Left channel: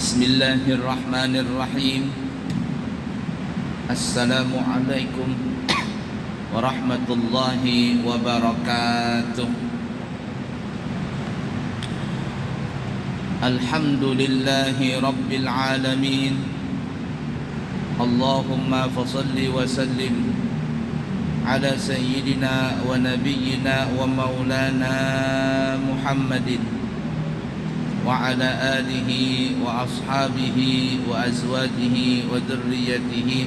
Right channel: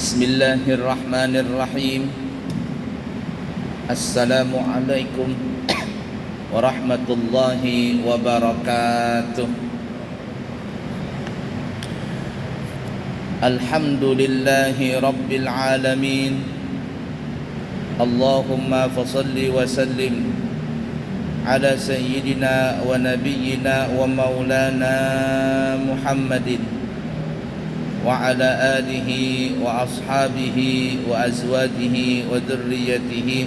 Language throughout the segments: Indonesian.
Bismillahirrahmanirrahim. Assalamualaikum warahmatullahi wabarakatuh. Alhamdulillahi rabbil alamin. Allahumma fasalli wa sallim ala sayyidina wa nabiyyina wa maulana Muhammadin wa ala alihi wa ashabihi wa azwajihi wa dhurriyyatihi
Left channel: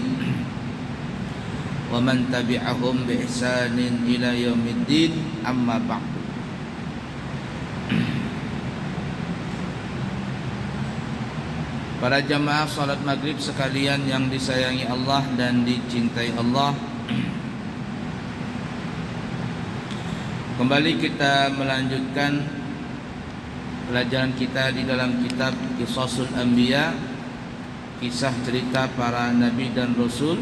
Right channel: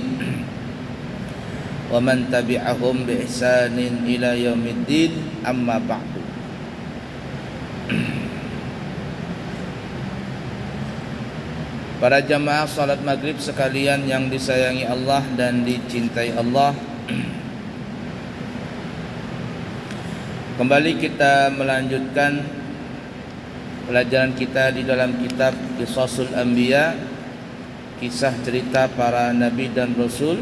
wa man tabi'ahum bi ihsanin ila yaumiddin, amma ba'du. Para jamaah salat maghrib sekalian yang disayangi Allah dan dicintai Allah, kembali kita melanjutkan pelajaran kita di dalam kitab Qisasul Anbiya, kisah cerita para nabi dan rasul,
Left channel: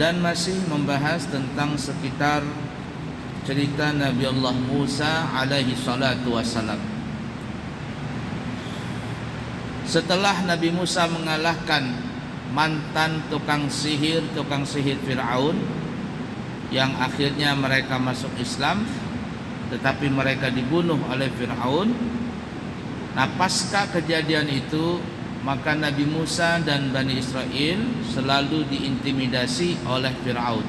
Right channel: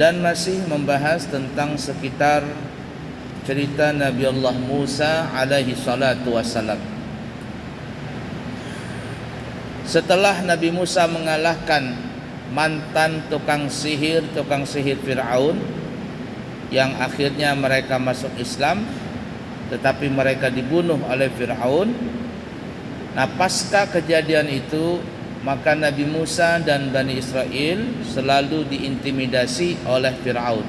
dan masih membahas tentang sekitar cerita Nabi Allah Musa alaihi salatu wassalam. Setelah Nabi Musa mengalahkan mantan tukang sihir Fir'aun yang akhirnya mereka masuk Islam, tetapi mereka dibunuh oleh Fir'aun. Nah, pasca kejadian itu, maka Nabi Musa dan Bani Israel selalu diintimidasi oleh Fir'aun.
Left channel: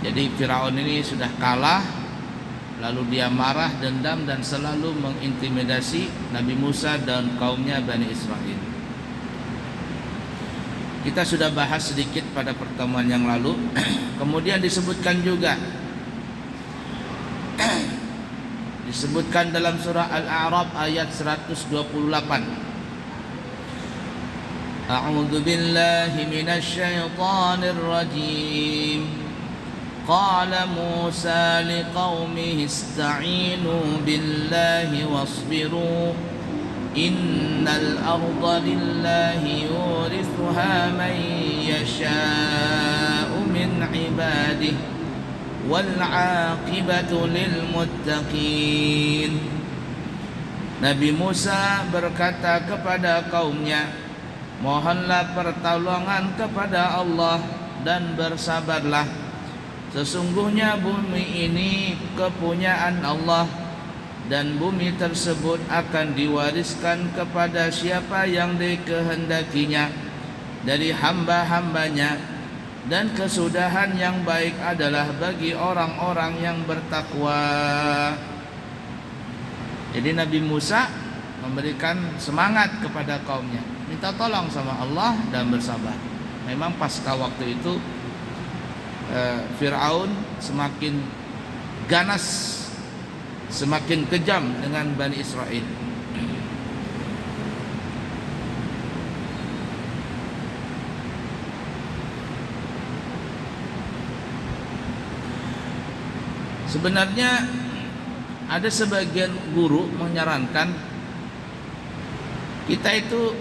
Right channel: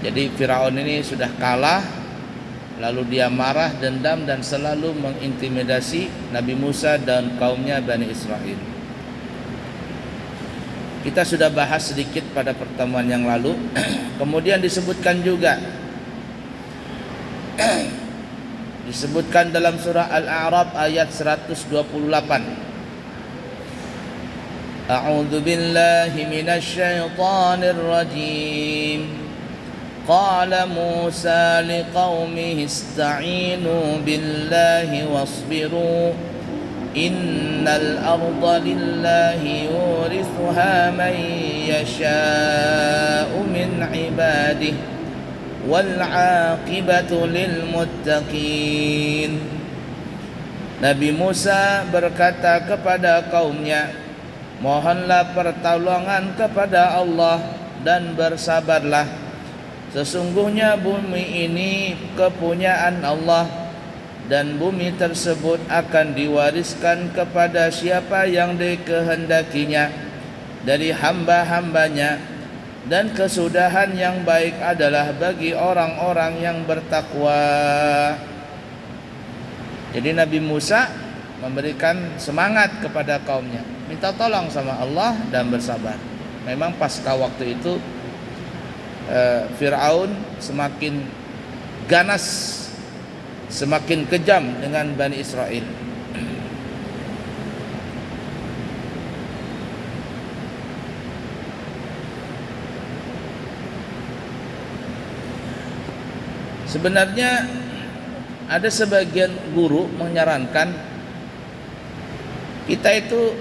Jadi Fir'aun ini sudah kalah, lalu dia marah, dendam, dan selalu mengintimidasi Nabi Musa dan kaumnya Bani Israel. Kita sudah bahas sedikit pada pertemuan yang lalu. Kemudian disebutkan juga, disebutkan dalam surah Al-A'raf ayat 128. A'udzu billahi minasy syaithanir rajim. Qala Musa liqaumihi ista'inu billahi wasbiru innal arda lillahi yurithuha man yasha'u min 'ibadihi wal 'aqibatu lil muttaqin. Nabi Musa berkata kepada kaumnya, mohonlah pertolongan kepada Allah dan bersabarlah. Sesungguhnya bumi ini kepunyaan Allah, dan bumi tersebut akan diwariskan kepada siapa yang dikehendakinya dari hamba-hambanya, dan kesudahan yang baik adalah bagi orang-orang yang bertakwa. Jadi Nabi Musa memberikan semangat kepada kaumnya, minta tolong sama Allah dan bersabar. Memang pasca waktu itu Fir'aun semakin ganas, semakin kejam dengan Bani Israel. Sebenarnya ada sebagian guru menyarankan kita itu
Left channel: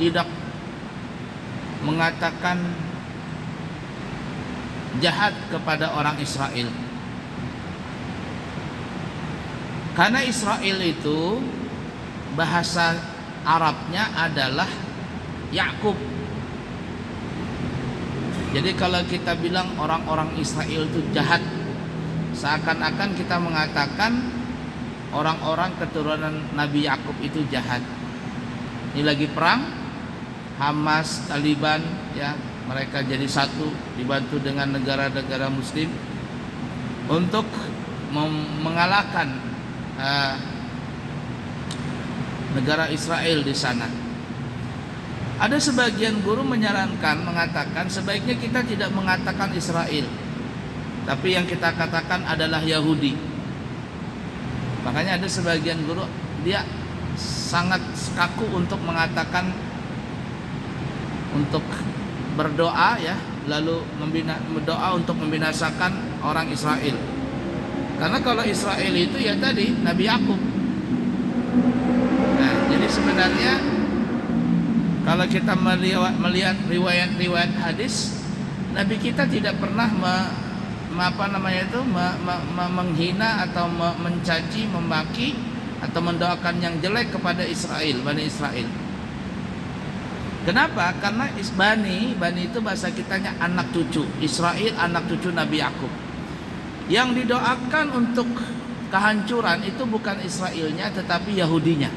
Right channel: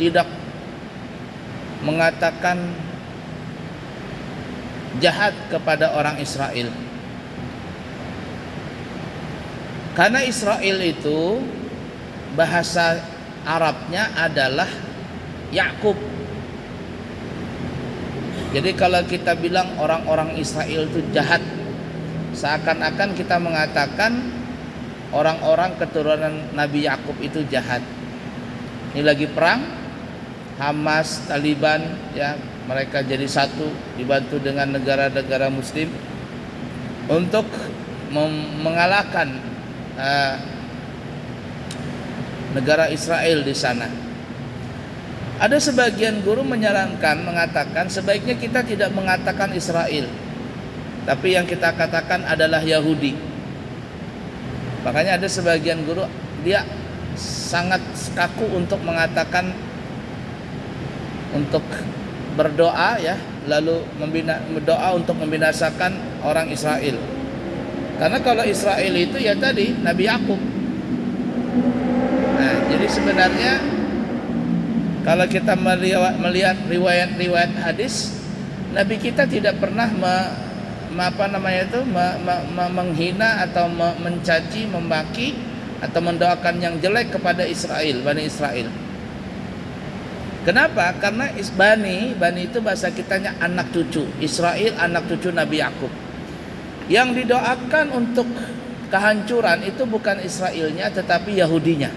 tidak mengatakan jahat kepada orang Israel, karena Israel itu bahasa Arabnya adalah Yakub. Jadi kalau kita bilang orang-orang Israel itu jahat, seakan-akan kita mengatakan orang-orang keturunan Nabi Yakub itu jahat. Ini lagi perang, Hamas, Taliban, ya, mereka jadi satu, dibantu dengan negara-negara Muslim untuk mengalahkan negara Israel di sana. Ada sebagian guru menyarankan, mengatakan sebaiknya kita tidak mengatakan Israel, tapi yang kita katakan adalah Yahudi. Makanya ada sebagian guru dia sangat kaku untuk mengatakan, untuk berdoa, ya, lalu berdoa untuk membinasakan orang Israel. Karena kalau Israel itu ya tadi Nabi Yakub. Nah, jadi sebenarnya kalau kita melihat riwayat-riwayat hadis, Nabi kita tidak pernah menghina atau mencaci, memaki atau mendoakan yang jelek kepada Israel, Bani Israel. Kenapa? Karena Bani itu bahasa kitanya anak cucu. Israel anak cucu Nabi Yakub. Yang didoakan untuk kehancuran itu bukan Israelnya tetapi Yahudinya.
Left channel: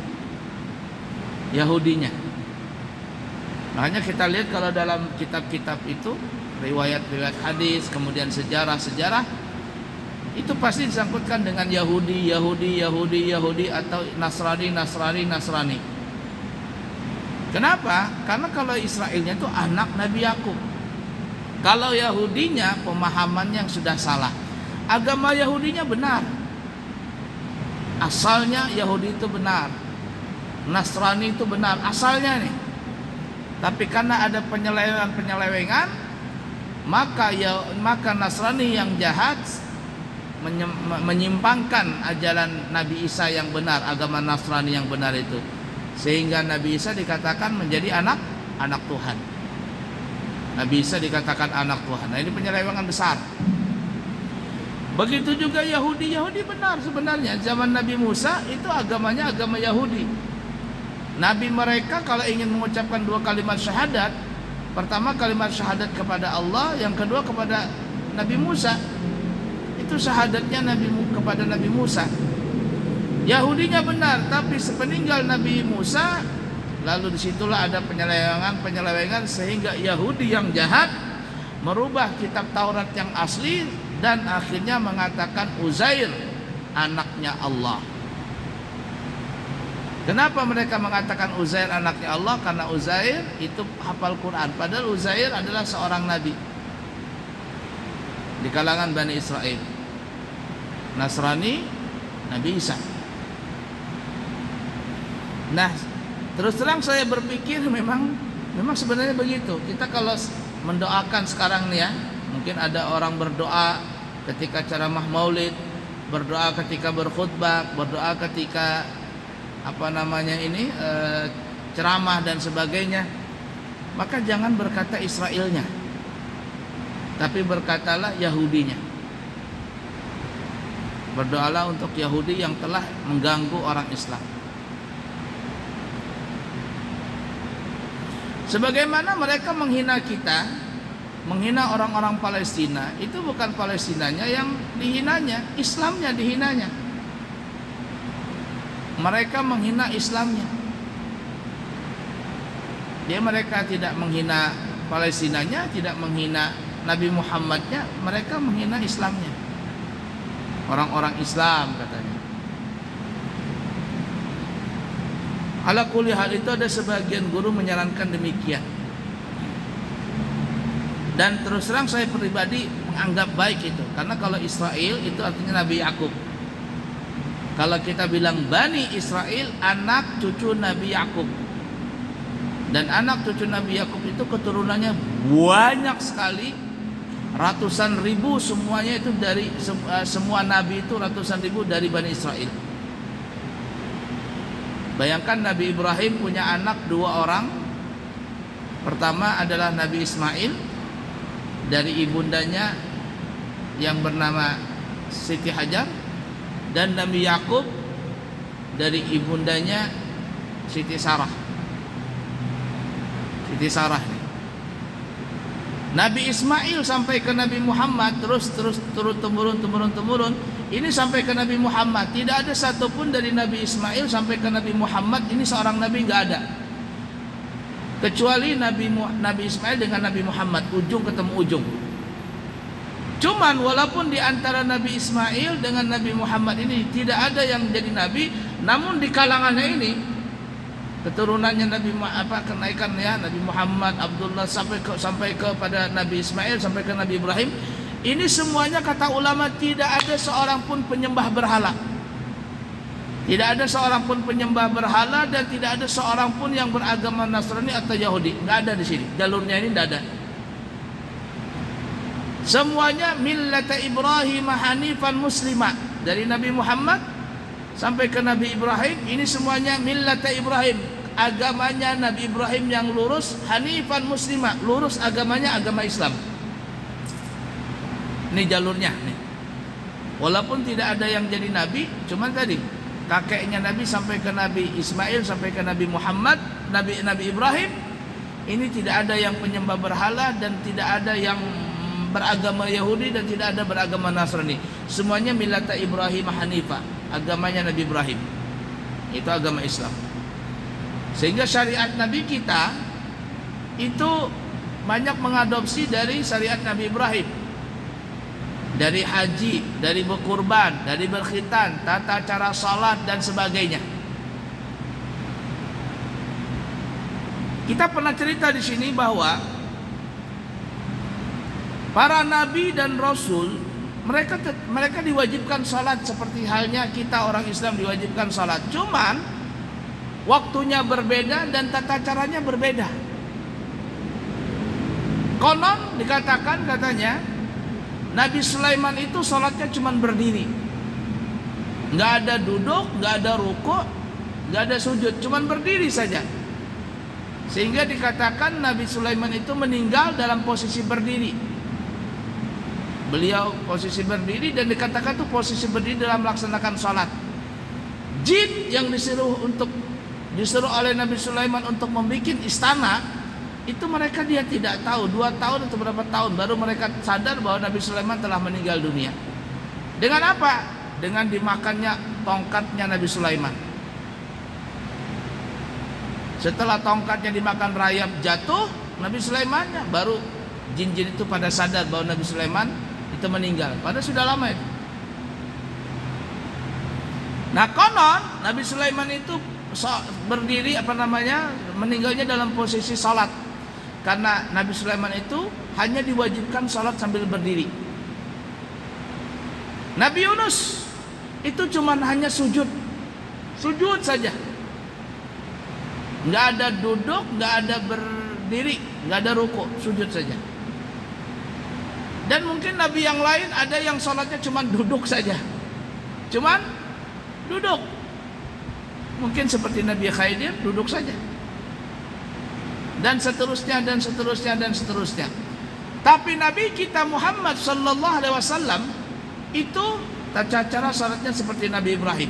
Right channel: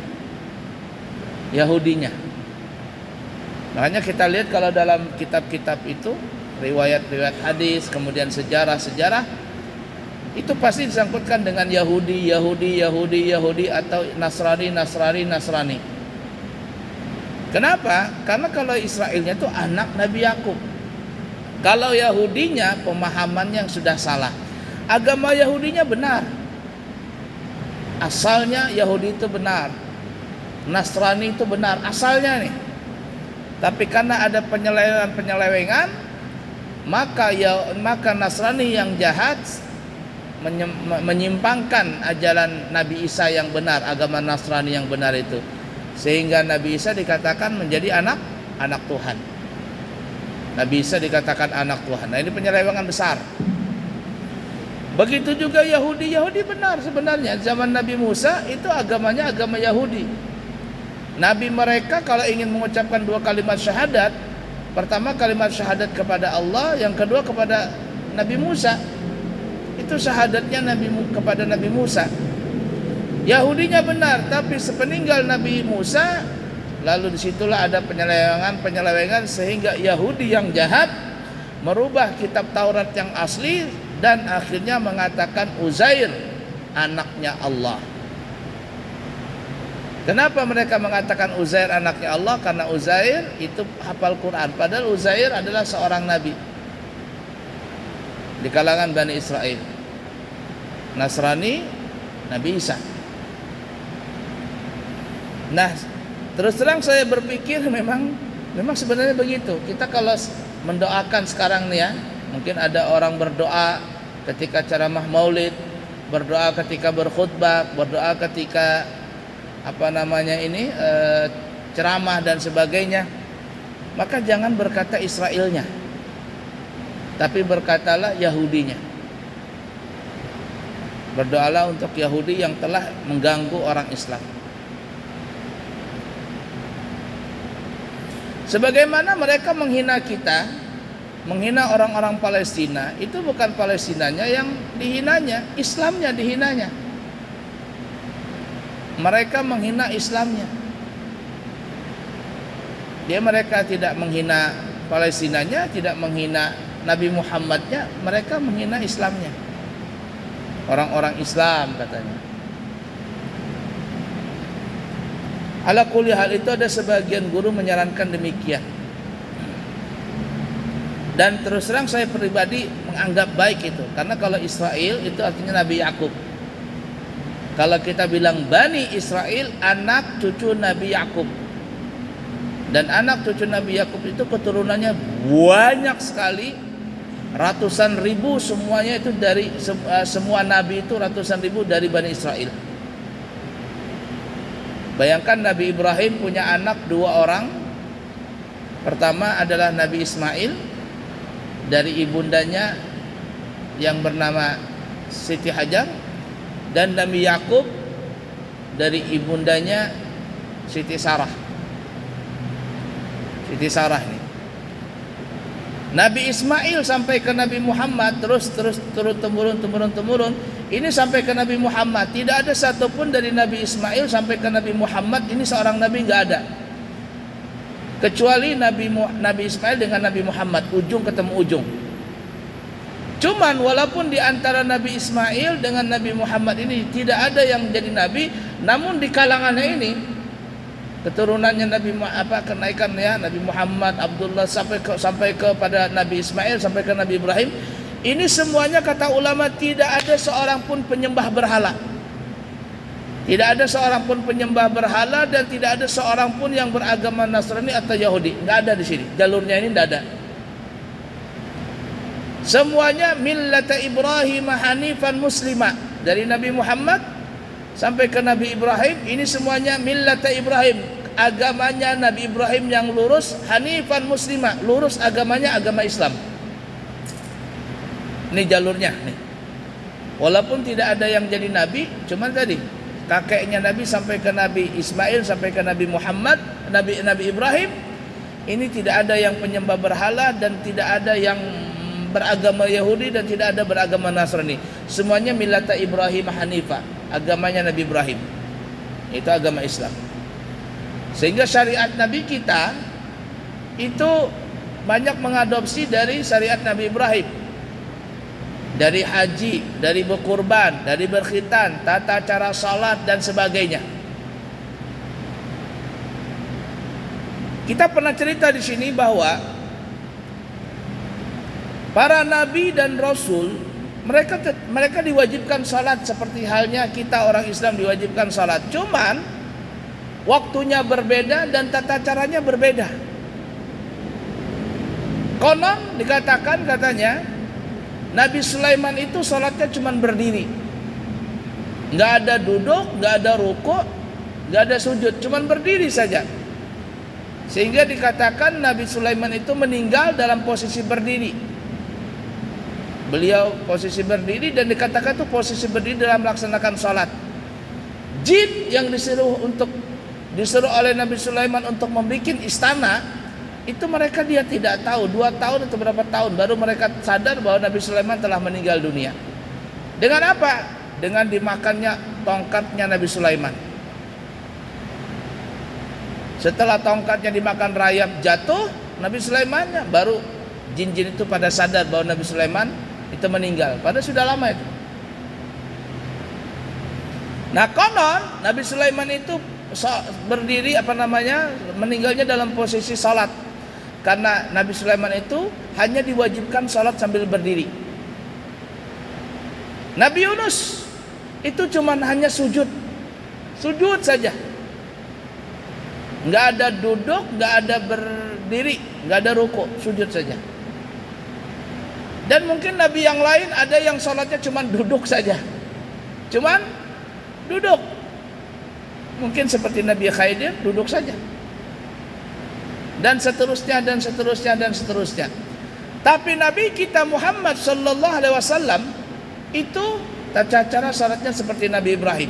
Makanya kita lihat kalau dalam kitab-kitab itu, riwayat-riwayat hadis, kemudian sejarah-sejarah, itu pasti disangkutkan dengan Yahudi atau Nasrani. Kenapa? Karena kalau Israelnya itu anak Nabi Yakub. Kalau Yahudinya pemahaman yang sudah salah. Agama Yahudinya benar. Asalnya Yahudi itu benar. Nasrani itu benar asalnya nih. Tapi karena ada penyelewengan, maka Nasrani yang jahat menyimpangkan ajaran Nabi Isa yang benar, agama Nasrani yang benar itu. Sehingga Nabi Isa dikatakan menjadi anak Tuhan. Nabi Isa dikatakan anak Tuhan. Nah, ini penyelewengan besar. Begitu juga Yahudi benar sebenarnya. Zaman Nabi Musa itu agamanya agama Yahudi. Nabi mereka kalau ingin mengucapkan 2 kalimat syahadat, pertama kalimat syahadat kepada Allah, yang kedua kepada Nabi Musa. Itu syahadatnya kepada Nabi Musa. Yahudinya benar, tapi sepeninggal Nabi Musa, lalu disitulah ada penyelewengan sehingga Yahudi yang jahat merubah kitab Taurat yang asli dan akhirnya mengatakan Uzair anaknya Allah. Kenapa mereka mengatakan Uzair anaknya Allah? Karena Uzair itu hafal Quran, padahal Uzair adalah seorang nabi di kalangan Bani Israel. Nasrani, Nabi Isa. Nah, terus terang saya berpikir memang sebenarnya begitu. Kita kalau mendoakan sekarang nih ya, mungkin ada orang berdoa ketika ceramah Maulid, berdoa ketika berkhutbah, berdoa ketika ceramah dan sebagainya. Maka jangan berkata Israelnya, tapi berkatalah Yahudinya. Berdoalah untuk Yahudi yang telah mengganggu orang Islam. Sebagaimana mereka menghina kita, menghina orang-orang Palestina, itu bukan Palestinanya yang dihinanya, Islamnya dihinanya. Mereka menghina Islamnya. Mereka tidak menghina Palestinanya, tidak menghina Nabi Muhammadnya, mereka menghina Islamnya. Orang-orang Islam katanya. Ala kulli hal itu ada sebagian guru menyarankan demikian. Dan terus terang saya pribadi menganggap baik itu. Karena kalau Israel itu artinya Nabi Yakub. Kalau kita bilang Bani Israel, anak cucu Nabi Yakub. Dan anak cucu Nabi Yakub itu keturunannya banyak sekali, ratusan ribu, semuanya itu dari semua nabi itu ratusan ribu dari Bani Israel. Bayangkan Nabi Ibrahim punya anak 2 orang. Pertama adalah Nabi Ismail dari ibundanya yang bernama Siti Hajar, dan Nabi Yakub dari ibundanya Siti Sarah. Nabi Ismail sampai ke Nabi Muhammad terus turun temurun. Ini sampai ke Nabi Muhammad. Tidak ada satupun dari Nabi Ismail sampai ke Nabi Muhammad ini seorang nabi, nggak ada. Kecuali Nabi Ismail dengan Nabi Muhammad, ujung ketemu ujung. Cuman walaupun di antara Nabi Ismail dengan Nabi Muhammad ini tidak ada yang jadi nabi, namun di kalangannya ini keturunannya kenaikan ya, Nabi Muhammad, Abdullah sampai kepada Nabi Ismail, sampai ke Nabi Ibrahim, ini semuanya kata ulama tidak ada seorang pun penyembah berhala. Tidak ada seorang pun penyembah berhala dan tidak ada seorang pun yang beragama Nasrani atau Yahudi. Enggak ada di sini. Jalurnya ini enggak ada. Semuanya millata Ibrahim hanifan muslimah. Dari Nabi Muhammad sampai ke Nabi Ibrahim, ini semuanya millata Ibrahim, agamanya Nabi Ibrahim yang lurus, hanifan muslimah, lurus agamanya agama Islam. Ini jalurnya nih. Walaupun tidak ada yang jadi nabi, cuman tadi kakeknya Nabi sampai ke Nabi Ismail, sampai ke Nabi Muhammad, Nabi Ibrahim. Ini tidak ada yang penyembah berhala dan tidak ada yang beragama Yahudi dan tidak ada beragama Nasrani. Semuanya millata Ibrahim Hanifah, agamanya Nabi Ibrahim. Itu agama Islam. Sehingga syariat Nabi kita itu banyak mengadopsi dari syariat Nabi Ibrahim. Dari haji, dari berkurban, dari berkhitan, tata cara salat dan sebagainya. Kita pernah cerita di sini bahwa para nabi dan rasul mereka diwajibkan salat seperti halnya kita orang Islam diwajibkan salat. Cuman waktunya berbeda dan tata caranya berbeda. Konon dikatakan katanya Nabi Sulaiman itu sholatnya cuma berdiri, nggak ada duduk, nggak ada rukuk, nggak ada sujud, cuma berdiri saja. Sehingga dikatakan Nabi Sulaiman itu meninggal dalam posisi berdiri. Beliau posisi berdiri dan dikatakan itu posisi berdiri dalam melaksanakan sholat. Jin yang disuruh oleh Nabi Sulaiman untuk membuat istana, itu mereka dia tidak tahu 2 tahun atau berapa tahun baru mereka sadar bahwa Nabi Sulaiman telah meninggal dunia. Dengan apa? Dengan dimakannya tongkatnya Nabi Sulaiman. Setelah tongkatnya dimakan rayap jatuh Nabi Sulaimannya, baru jin-jin itu pada sadar bahwa Nabi Sulaiman itu meninggal. Padahal sudah lama itu. Nah konon Nabi Sulaiman itu berdiri meninggalnya dalam posisi salat. Karena Nabi Sulaiman itu hanya diwajibkan salat sambil berdiri. Nabi Yunus itu cuman hanya sujud saja. Nggak ada duduk, nggak ada berdiri, nggak ada rukuk, sujud saja. Dan mungkin Nabi yang lain ada yang salatnya cuman duduk saja, cuman duduk. Mungkin seperti Nabi Khidir duduk saja. Dan seterusnya dan seterusnya dan seterusnya. Tapi Nabi kita Muhammad sallallahu alaihi wasallam itu tata cara salatnya seperti Nabi Ibrahim.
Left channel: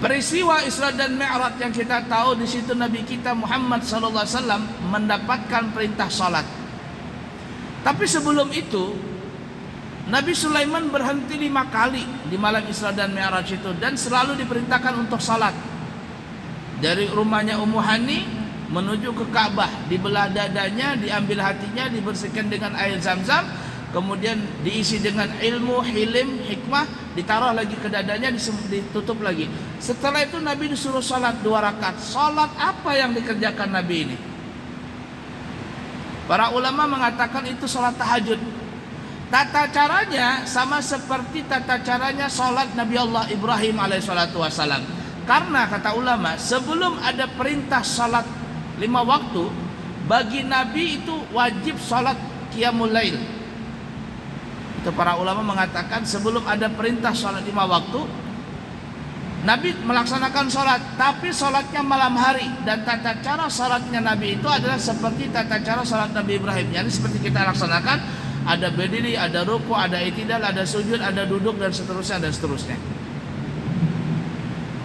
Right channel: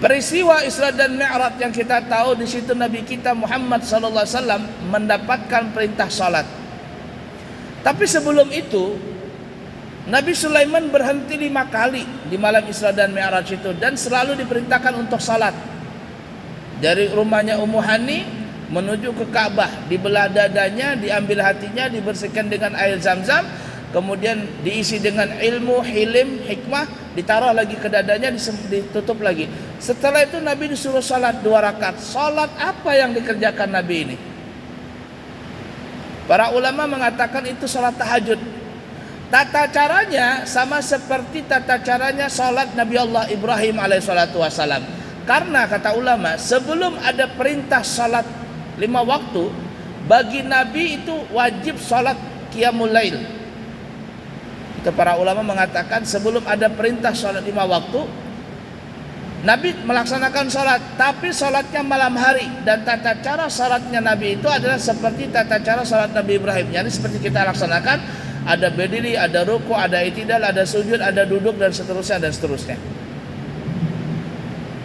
Peristiwa Isra dan Mi'raj yang kita tahu, di situ Nabi kita Muhammad sallallahu alaihi wasallam mendapatkan perintah salat. Tapi sebelum itu Nabi Sulaiman berhenti 5 kali di malam Isra dan Mi'raj itu dan selalu diperintahkan untuk salat. Dari rumahnya Ummu Hani menuju ke Ka'bah, dibelah dadanya, diambil hatinya, dibersihkan dengan air Zam-Zam, kemudian diisi dengan ilmu, hilim, hikmah, ditaruh lagi ke dadanya, ditutup lagi. Setelah itu Nabi disuruh salat 2 rakaat. Salat apa yang dikerjakan Nabi ini? Para ulama mengatakan itu salat tahajud. Tata caranya sama seperti tata caranya salat Nabi Allah Ibrahim alaihissalatu wassalam. Karena kata ulama, sebelum ada perintah salat 5 waktu, bagi Nabi itu wajib salat qiyamul lail. Itu para ulama mengatakan sebelum ada perintah salat 5 waktu, Nabi melaksanakan salat, tapi salatnya malam hari. Dan tata cara salatnya Nabi itu adalah seperti tata cara salat Nabi Ibrahim. Jadi seperti kita laksanakan, ada berdiri, ada ruku, ada i'tidal, ada sujud, ada duduk dan seterusnya dan seterusnya.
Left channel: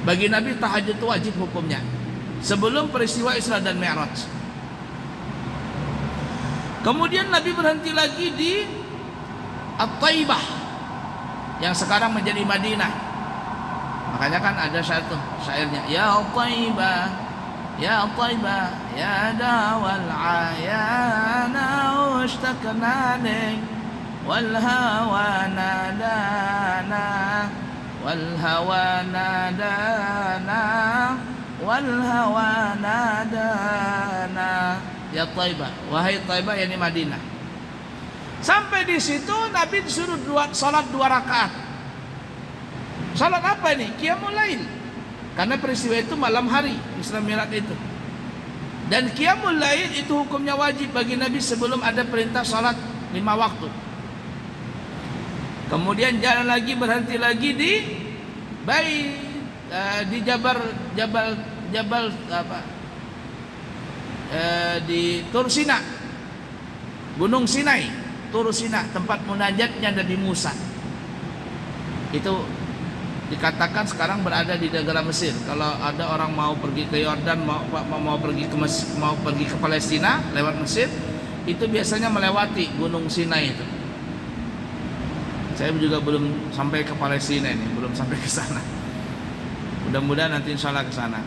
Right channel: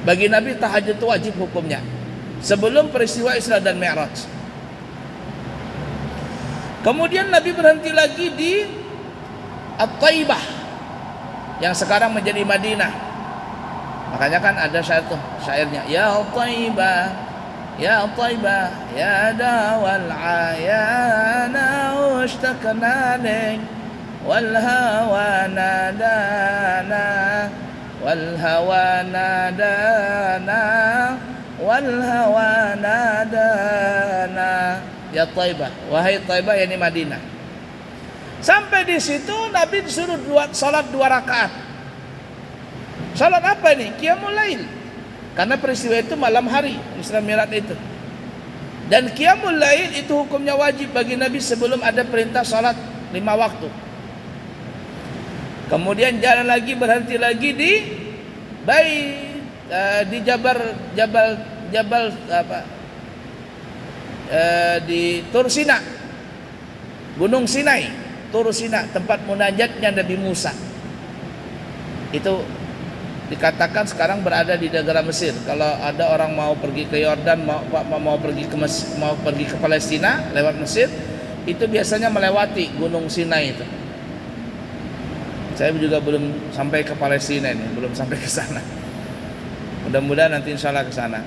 Bagi Nabi tahajud itu wajib hukumnya sebelum peristiwa Isra dan Mi'raj. Kemudian Nabi berhenti lagi di At-Taibah yang sekarang menjadi Madinah. Makanya kan ada satu syairnya, ya Taibah, ya Taibah, ya dawal ayana ustakna lik wal hawa nadana wal hawa nadana wal hawa nadana. Ya Taibah, wahai Taibah, yakni Madinah. Sampai di situ Nabi disuruh salat 2 rakaat. Salat apa ini? Qiyamul lail. Karena peristiwa itu malam hari Isra Mi'raj itu. Dan qiyamul lail itu hukumnya wajib bagi Nabi sebelum ada perintah salat 5 waktu. Kemudian jalan lagi, berhenti lagi di di Jabal di Tur Sina, Gunung Sinai, Tur Sina, tempat munajatnya Nabi Musa. Itu dikatakan sekarang berada di negara Mesir. Kalau ada orang mau pergi ke Yordan, mau pergi ke Palestina lewat Mesir, itu biasanya melewati Gunung Sinai itu. Saya juga belum sampai ke Palestina ini, belum sampai ke sana. Mudah-mudahan nanti insya Allah ke sana.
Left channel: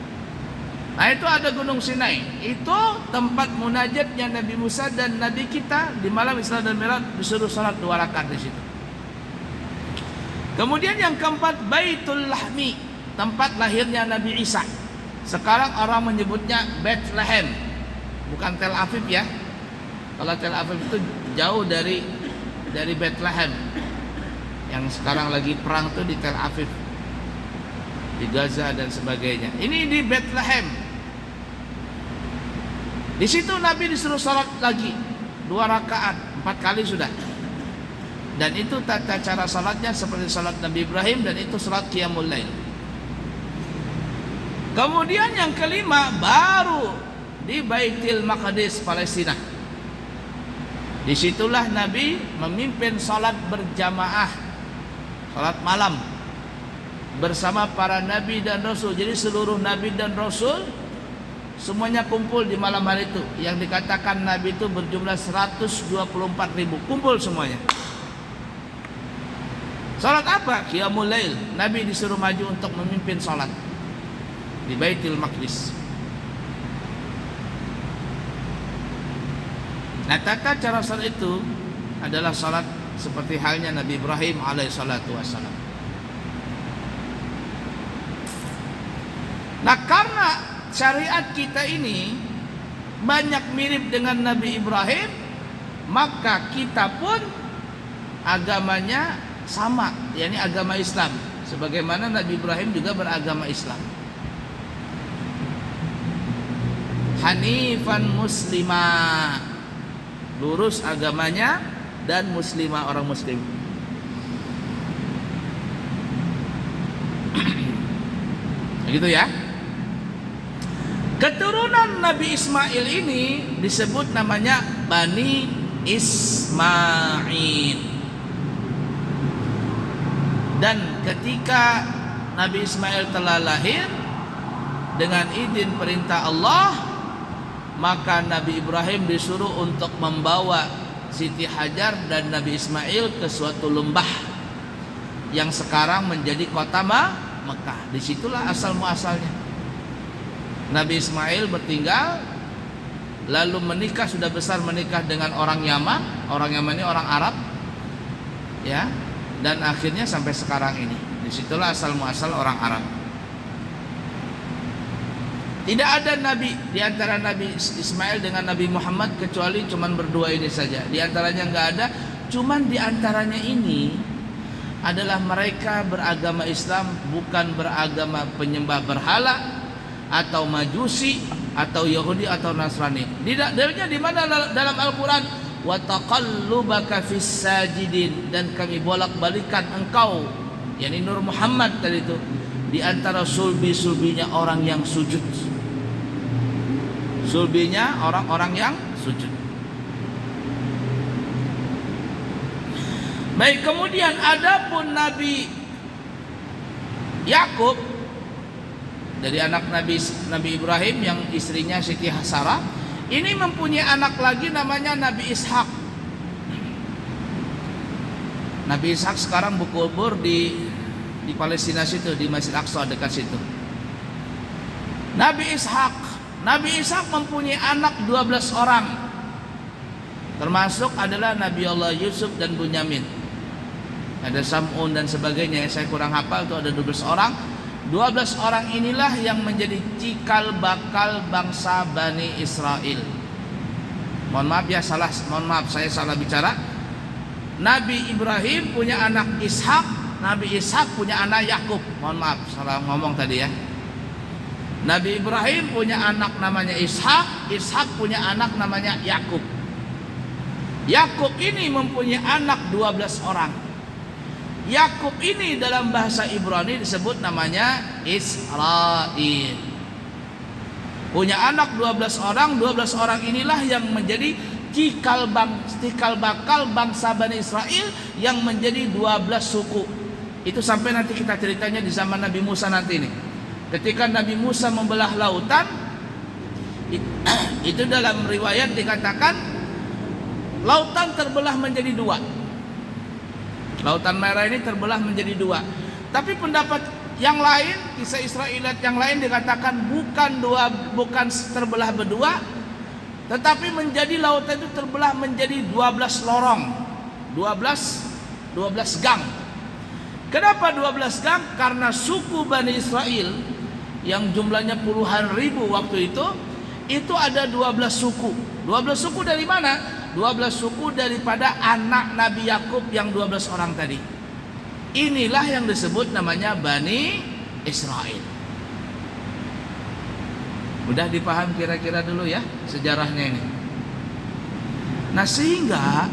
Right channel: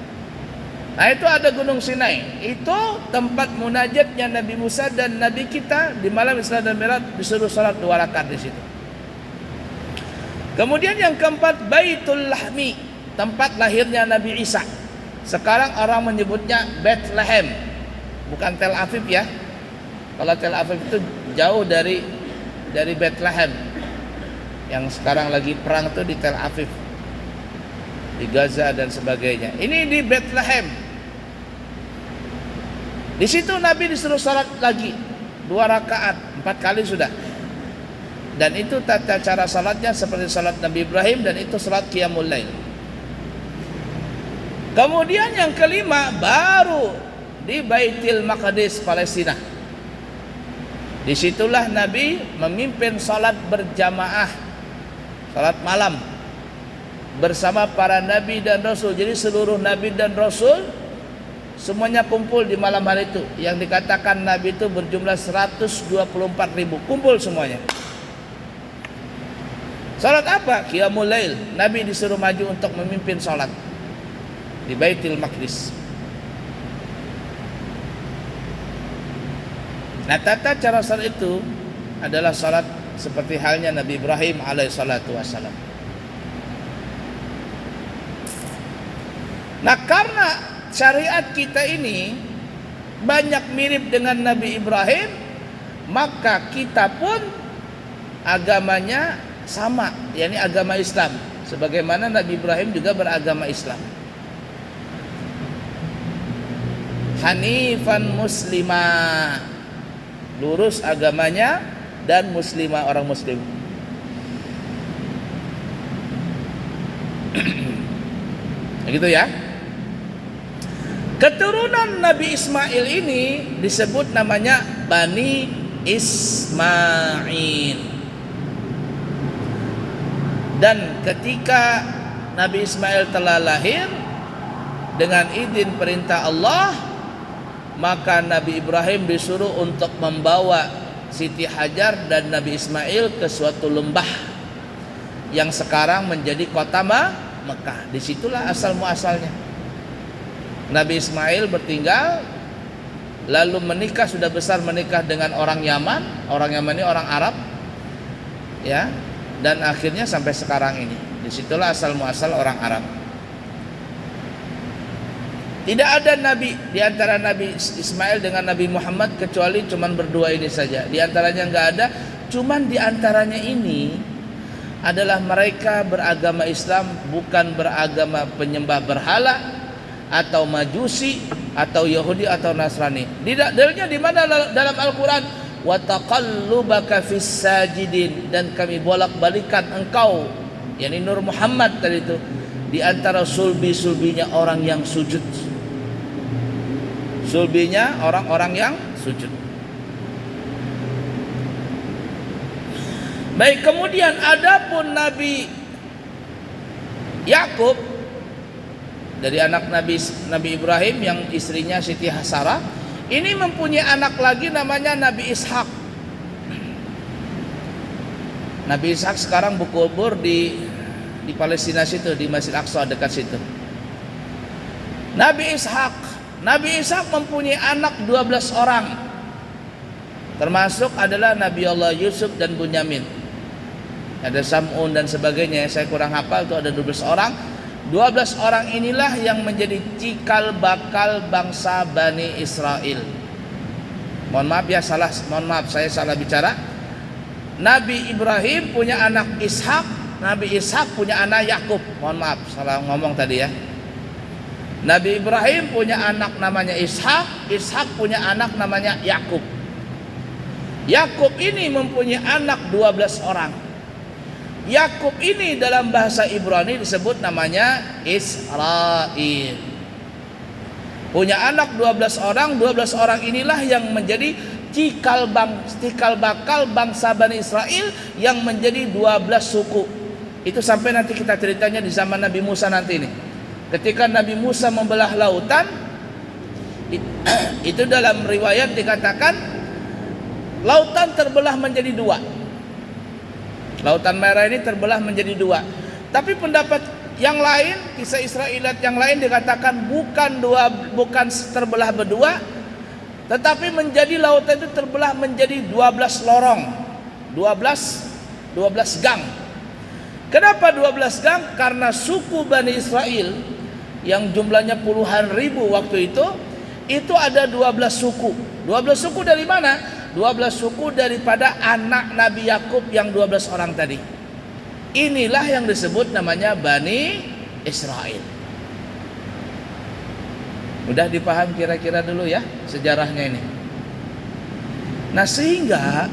Nah, itu ada Gunung Sinai. Itu tempat munajatnya Nabi Musa dan Nabi kita di malam Isra dan Mi'raj, disuruh salat 2 rakaat di situ. Kemudian yang keempat, Baitul Lahmi, tempat lahirnya Nabi Isa. Sekarang orang menyebutnya Bethlehem, bukan Tel Aviv ya. Kalau Tel Aviv itu jauh dari Bethlehem. Yang sekarang lagi perang tuh di Tel Aviv, di Gaza dan sebagainya. Ini di Bethlehem. Di situ Nabi disuruh sholat lagi 2 rakaat, 4 kali sudah. Dan itu tata cara salatnya seperti salat Nabi Ibrahim, dan itu salat Qiyamul Lail. Kemudian yang kelima baru di Baitul Maqdis, Palestina. Disitulah Nabi memimpin salat berjamaah, salat malam bersama para Nabi dan Rasul. Jadi seluruh Nabi dan Rasul semuanya kumpul di malam hari itu. Yang dikatakan Nabi itu berjumlah 124.000, kumpul semuanya. Salat apa? Qiyamul Lail. Nabi disuruh maju untuk memimpin salat di Baitul Maqdis. Nah, tata cara salat itu adalah salat seperti halnya Nabi Ibrahim alaihissalatu wassalam. Nah, karena syariat kita ini banyak mirip dengan Nabi Ibrahim, maka kita pun agamanya sama, yakni agama Islam, sebagaimana Nabi Ibrahim juga beragama Islam. Hanifan muslimah, lurus agamanya, dan muslimah, orang muslim. Begitu ya. Keturunan Nabi Ismail ini disebut namanya Bani Ismail. Dan ketika Nabi Ismail telah lahir dengan izin perintah Allah, maka Nabi Ibrahim disuruh untuk membawa Siti Hajar dan Nabi Ismail ke suatu lembah yang sekarang menjadi kota Mekah. Disitulah asal muasalnya. Nabi Ismail bertinggal, lalu menikah, sudah besar menikah dengan orang Yaman. Orang Yaman ini orang Arab, ya. Dan akhirnya sampai sekarang ini. Disitulah asal muasal orang Arab. Tidak ada nabi di antara Nabi Ismail dengan Nabi Muhammad kecuali cuman berdua ini saja. Di antaranya enggak ada, cuman di antaranya ini adalah mereka beragama Islam, bukan beragama penyembah berhala atau Majusi atau Yahudi atau Nasrani. Dalilnya di mana dalam Al-Qur'an? Wa taqallubaka fis sajidin, dan kami bolak-balikan engkau, yakni Nur Muhammad tadi itu, di antara sulbi-sulbinya orang yang sujud. Sulbinya orang-orang yang sujud. Baik, kemudian adapun Nabi Yakub dari anak Nabi Ibrahim yang istrinya Siti Sarah, ini mempunyai anak lagi namanya Nabi Ishak. Nabi Ishak sekarang berkubur di Palestina situ, di Masjid Aqsa dekat situ. Nabi Ishak mempunyai anak 12 orang. Termasuk adalah Nabi Allah Yusuf dan Bunyamin. Ada Sam'un dan sebagainya, saya kurang hafal, itu ada 12 orang. 12 orang inilah yang menjadi cikal bakal bangsa Bani Israel. Mohon maaf saya salah bicara. Nabi Ibrahim punya anak Ishak, Nabi Ishak punya anak Yakub. Mohon maaf salah ngomong tadi ya. Nabi Ibrahim punya anak namanya Ishak, Ishak punya anak namanya Yakub. Yakub ini mempunyai anak 12 orang. Yakub ini dalam bahasa Ibrani disebut namanya Israel. Punya anak 12 orang, 12 orang inilah yang menjadi cikal bakal bangsa Bani Israel, yang menjadi 12 suku. Itu sampai nanti kita ceritanya di zaman Nabi Musa nanti ini. Ketika Nabi Musa membelah lautan, itu dalam riwayat dikatakan lautan terbelah menjadi dua. Lautan Merah ini terbelah menjadi dua. Tapi pendapat yang lain, kisah Israeliat yang lain dikatakan bukan terbelah berdua, tetapi menjadi lautan itu terbelah menjadi 12 lorong. 12 gang. Kenapa 12 gang? Karena suku Bani Israel yang jumlahnya puluhan ribu waktu itu ada 12 suku. 12 suku dari mana? 12 suku daripada anak Nabi Yakub yang 12 orang tadi. Inilah yang disebut namanya Bani Israel. Udah dipaham kira-kira dulu ya sejarahnya ini. Nah, sehingga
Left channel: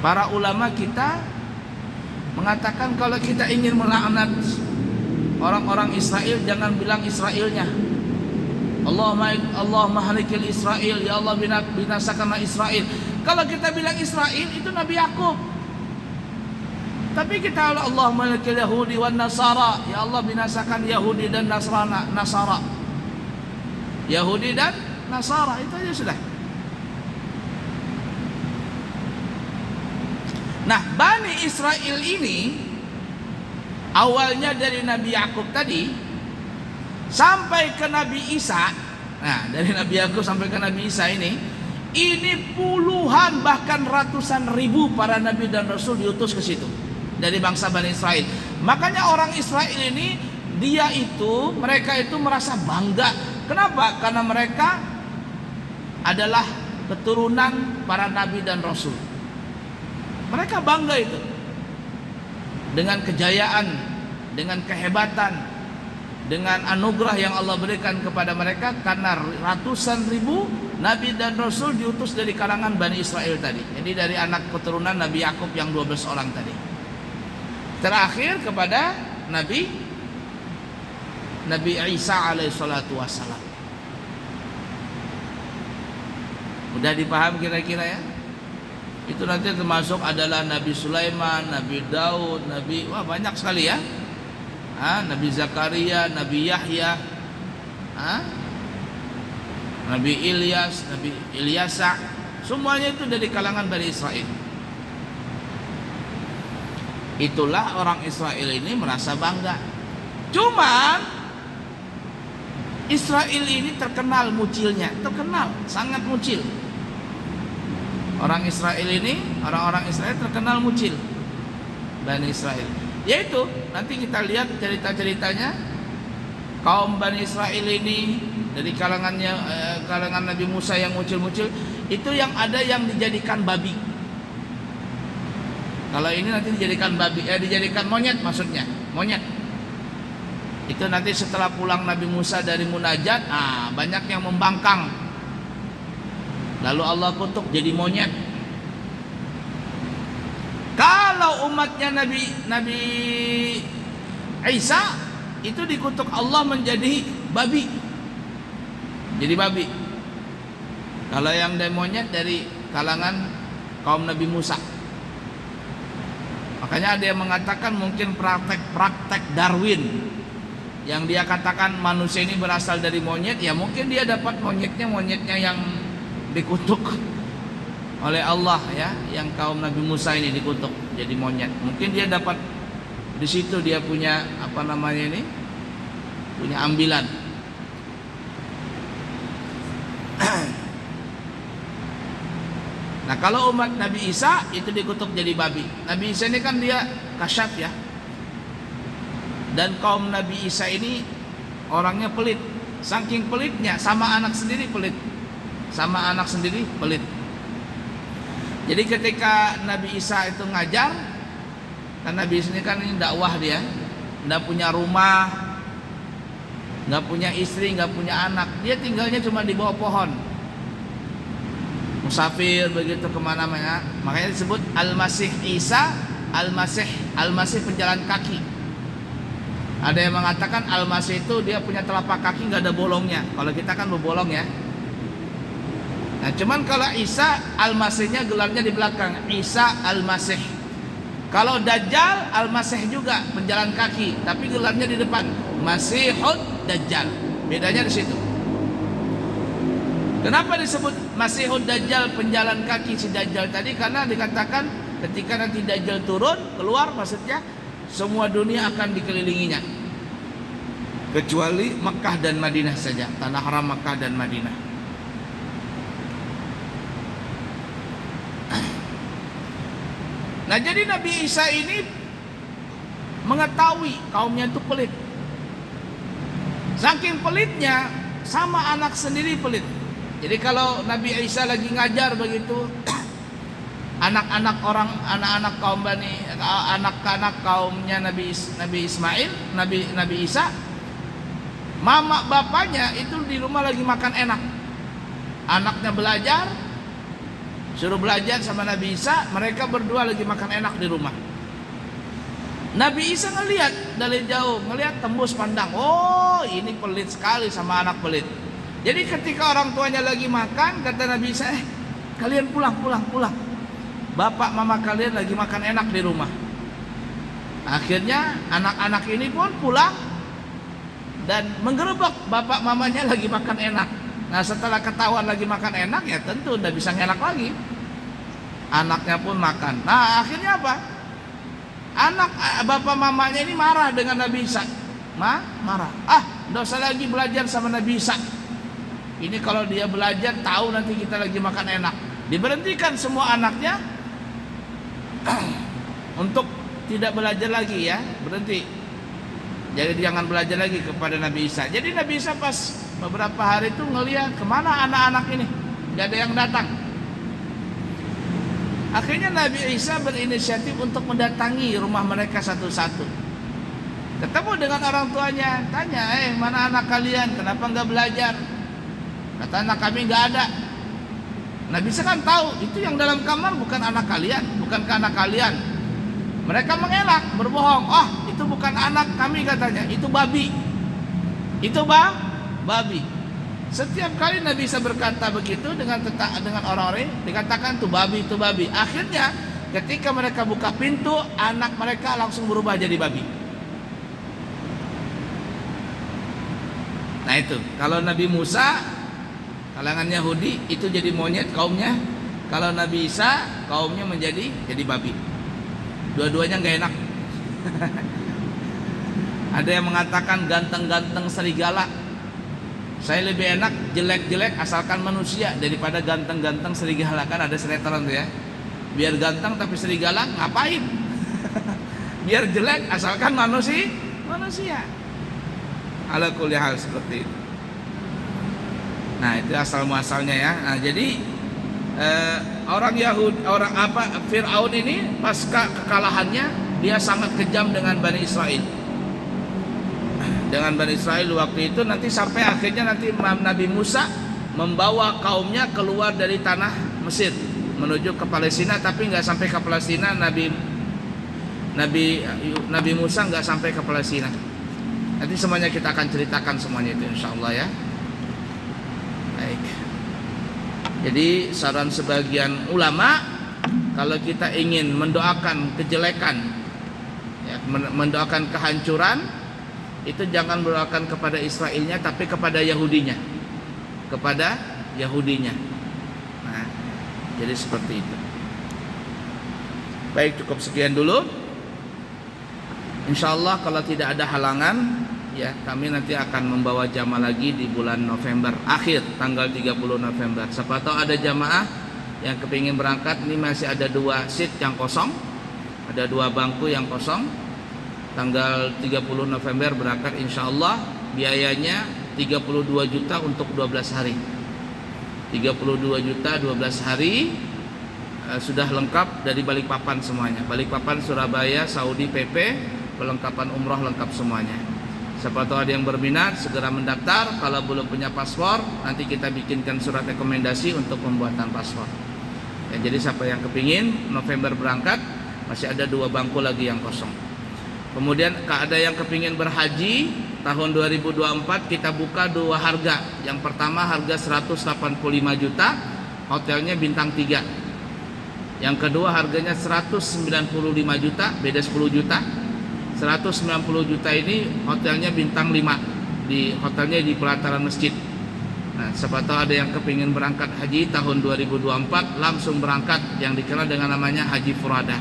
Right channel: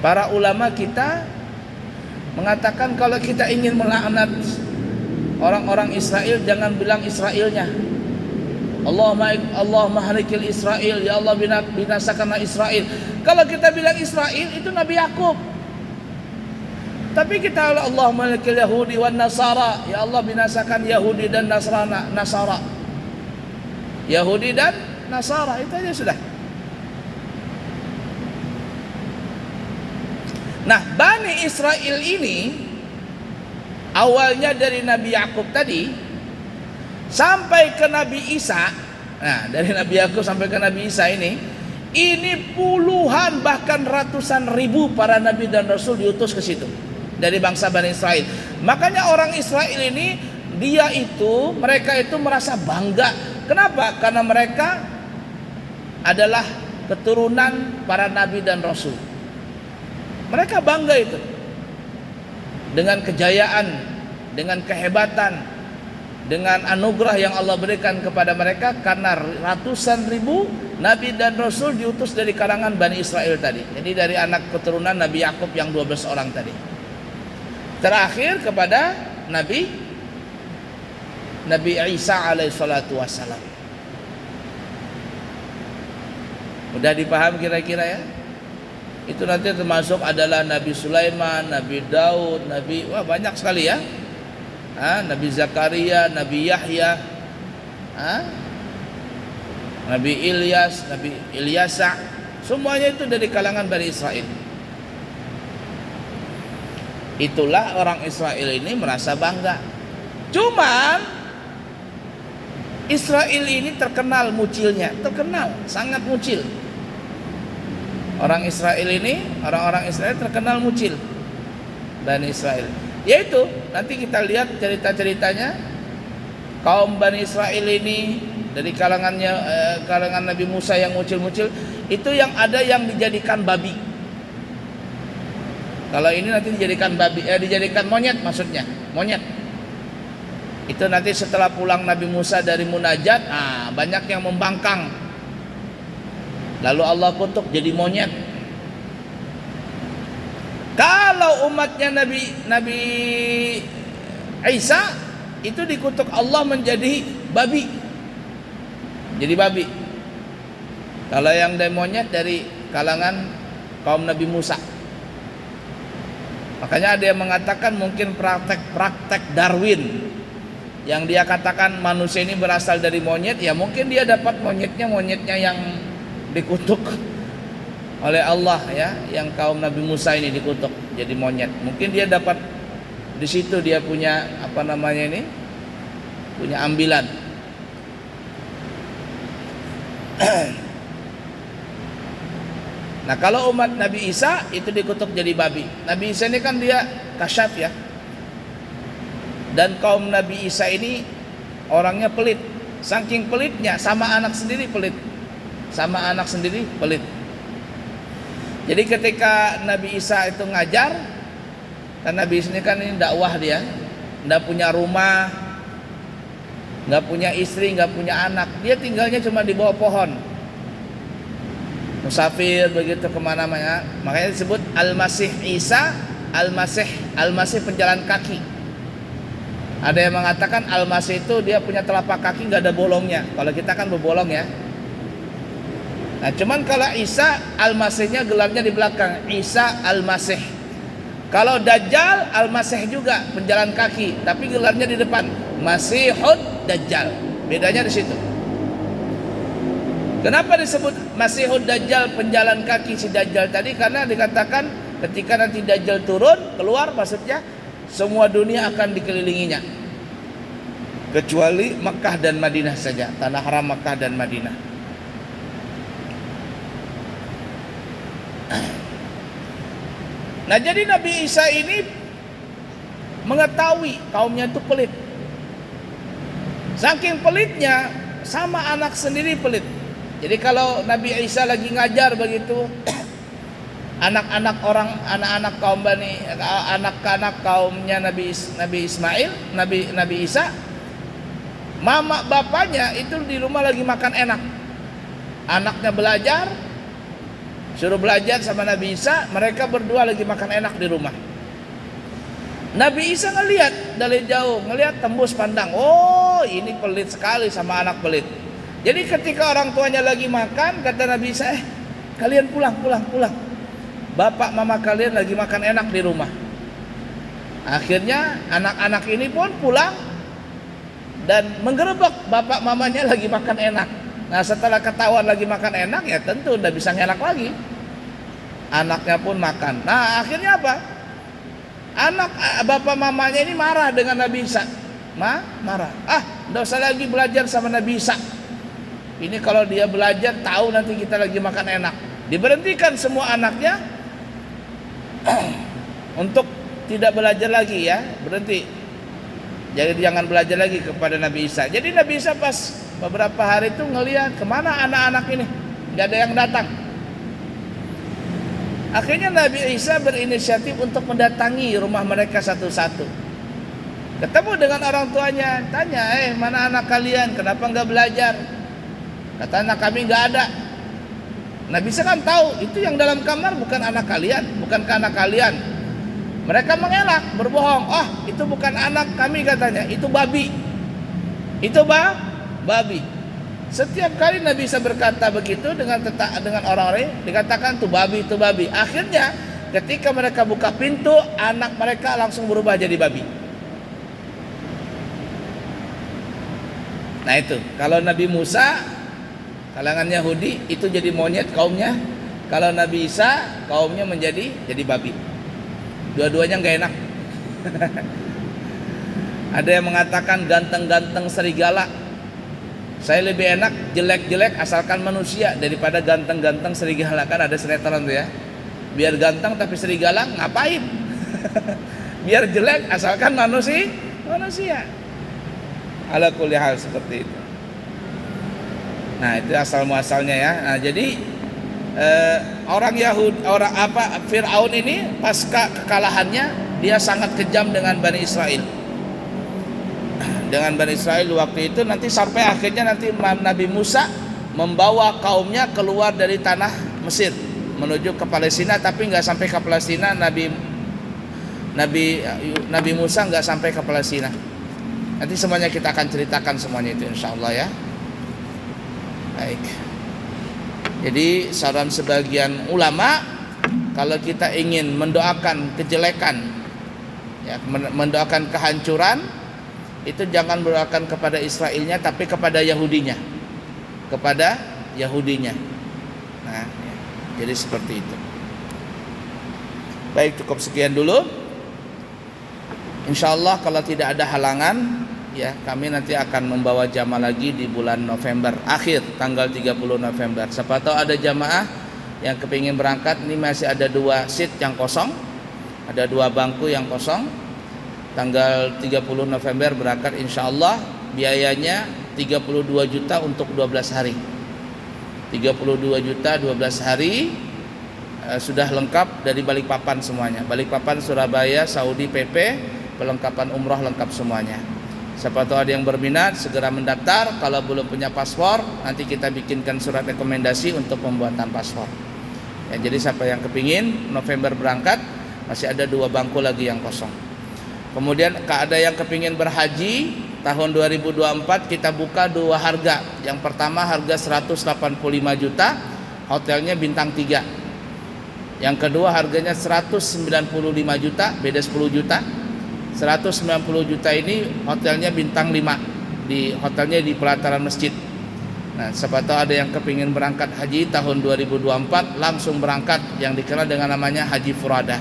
para ulama kita mengatakan kalau kita ingin melaknat orang-orang Israel, jangan bilang Israelnya. Allahumma halikil Israel, ya Allah binasakanlah Israel. Kalau kita bilang Israel itu Nabi Yakub. Tapi kita Allahumma halikil Yahudi wan Nasara, ya Allah binasakan Yahudi dan Nasara. Yahudi dan Nasara, itu aja sudah. Nah, Bani Israel ini awalnya dari Nabi Yakub tadi sampai ke Nabi Isa. Nah, dari Nabi Yakub sampai ke Nabi Isa ini puluhan bahkan ratusan ribu para nabi dan rasul diutus ke situ dari bangsa Bani Israel. Makanya orang Israel ini mereka itu merasa bangga. Kenapa? Karena mereka adalah keturunan para nabi dan rasul. Mereka bangga itu dengan kejayaan, dengan kehebatan, dengan anugerah yang Allah berikan kepada mereka karena ratusan ribu nabi dan rasul diutus dari kalangan Bani Israel tadi. Jadi dari anak keturunan Nabi Yakub yang 12 orang tadi. Terakhir kepada Nabi Isa alaihissalatu wassalam. Udah dipaham kira-kira ya? Itu nanti termasuk adalah Nabi Sulaiman, Nabi Daud, banyak sekali ya. Nabi Zakaria, Nabi Yahya, Nabi Ilyas, Nabi Ilyasa, semuanya itu dari kalangan Bani Israel. Itulah orang Israel ini merasa bangga. Cuman Israel ini terkenal mucilnya, sangat mucil. Orang-orang Israel terkenal mucil. Bani Israel. Yaitu nanti kita lihat cerita-ceritanya kaum Bani Israel ini dari kalangan Nabi Musa yang mucil-mucil itu yang ada yang dijadikan babi. Kalau ini nanti dijadikan babi, dijadikan monyet maksudnya, monyet. Itu nanti setelah pulang Nabi Musa dari munajat, banyak yang membangkang. Lalu Allah kutuk jadi monyet. Kalau umatnya Nabi Isa itu dikutuk Allah menjadi babi. Jadi babi. Kalau yang dari monyet dari kalangan kaum Nabi Musa. Makanya ada yang mengatakan mungkin praktek Darwin, yang dia katakan manusia ini berasal dari monyet, ya mungkin dia dapat monyetnya yang dikutuk oleh Allah ya, yang kaum Nabi Musa ini dikutuk jadi monyet. Mungkin dia dapat di situ, dia punya punya ambilan. Nah, kalau umat Nabi Isa itu dikutuk jadi babi. Nabi Isa ini kan dia kasyaf ya. Dan kaum Nabi Isa ini orangnya pelit. Saking pelitnya sama anak sendiri pelit. Jadi ketika Nabi Isa itu ngajar, kan Nabi Isa ini kan dakwah dia, enggak punya rumah, enggak punya istri, enggak punya anak. Dia tinggalnya cuma di bawah pohon. Musafir begitu kemana-mana. Makanya disebut Al-Masih Isa, Al-Masih penjalan kaki. Ada yang mengatakan Al-Masih itu dia punya telapak kaki nggak ada bolongnya. Kalau kita kan berbolong ya. Nah, cuman kalau Isa Al-Masihnya gelarnya di belakang, Isa Al-Masih. Kalau Dajjal Al-Masih juga penjalan kaki, tapi gelarnya di depan Masihud Dajjal. Bedanya di situ. Kenapa disebut Masihud Dajjal, penjalan kaki si Dajjal tadi? Karena dikatakan ketika nanti Dajjal turun keluar, maksudnya semua dunia akan dikelilinginya, kecuali Makkah dan Madinah saja, tanah haram Makkah dan Madinah. Nah, jadi Nabi Isa ini mengetahui kaumnya itu pelit. Saking pelitnya, sama anak sendiri pelit. Jadi kalau Nabi Isa lagi ngajar begitu, anak-anak kaumnya Nabi Ismail, Nabi Isa, mama bapaknya itu di rumah lagi makan enak. Anaknya belajar, suruh belajar sama Nabi Isa, mereka berdua lagi makan enak di rumah. Nabi Isa ngelihat dari jauh, ngelihat tembus pandang, oh ini pelit sekali sama anak pelit. Jadi ketika orang tuanya lagi makan, kata Nabi Isa, kalian pulang. Bapak mama kalian lagi makan enak di rumah. Akhirnya anak-anak ini pun pulang dan menggerebek bapak mamanya lagi makan enak. Nah, setelah ketahuan lagi makan enak, ya tentu udah bisa ngenak lagi. Anaknya pun makan. Nah, akhirnya apa? Bapak mamanya ini marah dengan Nabi Isa. Marah. Nggak usah lagi belajar sama Nabi Isa. Ini kalau dia belajar tahu nanti kita lagi makan enak. Diberhentikan semua anaknya untuk tidak belajar lagi ya, berhenti. Jadi jangan belajar lagi kepada Nabi Isa. Jadi Nabi Isa pas beberapa hari itu ngelihat kemana anak-anak ini, nggak ada yang datang. Akhirnya Nabi Isa berinisiatif untuk mendatangi rumah mereka satu-satu. Ketemu dengan orang tuanya, tanya, mana anak kalian? Kenapa nggak belajar? Kata anak kami nggak ada. Nabi Isa kan tahu itu yang dalam kamar bukan anak kalian, bukankah anak kalian? Mereka mengelak, berbohong. Itu bukan anak kami katanya, itu babi. Itu babi. Setiap kali Nabi Isa berkata begitu dengan orang-orang, dikatakan itu babi. Akhirnya ketika mereka buka pintu, anak mereka langsung berubah jadi babi. Nah itu, kalau Nabi Musa kalangan Yahudi itu jadi monyet kaumnya, kalau Nabi Isa kaumnya menjadi babi. Dua-duanya nggak enak. Ada yang mengatakan ganteng-ganteng serigala. Saya lebih enak jelek-jelek asalkan manusia daripada ganteng-ganteng serigala. Kan ada sinetron tuh ya. Biar ganteng tapi serigala ngapain? Biar jelek asalkan manusia. Ala kulli hal seperti itu. Nah, itu asal muasalnya ya. Nah, jadi Fir'aun ini pasca kekalahannya dia sangat kejam dengan Bani Israel. Dengan Bani Israel waktu itu nanti sampai akhirnya nanti Nabi Musa membawa kaumnya keluar dari tanah Mesir menuju ke Palestina, tapi nggak sampai ke Palestina. Nabi Musa nggak sampai ke Palestina. Nanti semuanya kita akan ceritakan semuanya itu insyaallah ya. Baik. Jadi saran sebagian ulama, kalau kita ingin mendoakan kejelekan, ya, mendoakan kehancuran, itu jangan mendoakan kepada Israelnya, tapi kepada Yahudinya. Nah, jadi seperti itu. Baik, cukup sekian dulu. Insyaallah kalau tidak ada halangan, ya kami nanti akan membawa jamaah lagi di bulan November akhir, tanggal 30 November. Siapa tahu ada jamaah yang kepingin berangkat. Ini masih ada 2 seat yang kosong, ada 2 bangku yang kosong. Tanggal 30 November berangkat insyaallah. Biayanya 32 juta untuk 12 hari. 32 juta 12 hari, sudah lengkap dari Balikpapan semuanya. Balikpapan, Surabaya, Saudi PP, perlengkapan umroh lengkap semuanya. Siapa tahu ada yang berminat, segera mendaftar. Kalau belum punya paspor, nanti kita bikinkan surat rekomendasi untuk pembuatan paspor. Ya, jadi siapa yang kepingin November berangkat, masih ada 2 bangku lagi yang kosong. Kemudian ada yang kepingin berhaji tahun 2024, kita buka 2 harga. Yang pertama harga 185 juta, hotelnya bintang 3. Yang kedua harganya 195 juta, beda 10 juta. 190 juta ini hotelnya bintang 5, di hotelnya di pelataran masjid. Nah, siapa tahu ada yang kepingin berangkat haji tahun 2024 langsung berangkat, yang dikenal dengan namanya Haji Furada.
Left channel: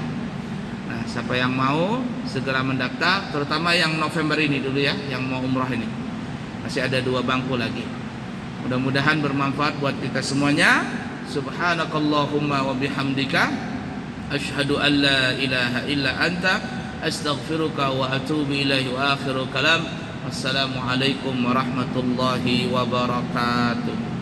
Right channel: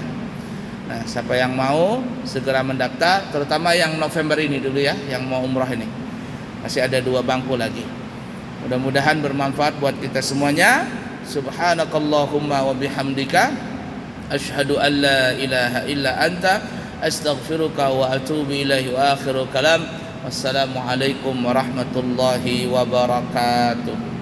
Nah, siapa yang mau segera mendaftar, terutama yang November ini dulu ya, yang mau umrah ini. Masih ada 2 bangku lagi. Mudah-mudahan bermanfaat buat kita semuanya. Subhanakallahumma wa bihamdika asyhadu an la ilaha illa anta astaghfiruka wa atubu ilaihi wa akhiru kalam. Wassalamualaikum warahmatullahi wabarakatuh.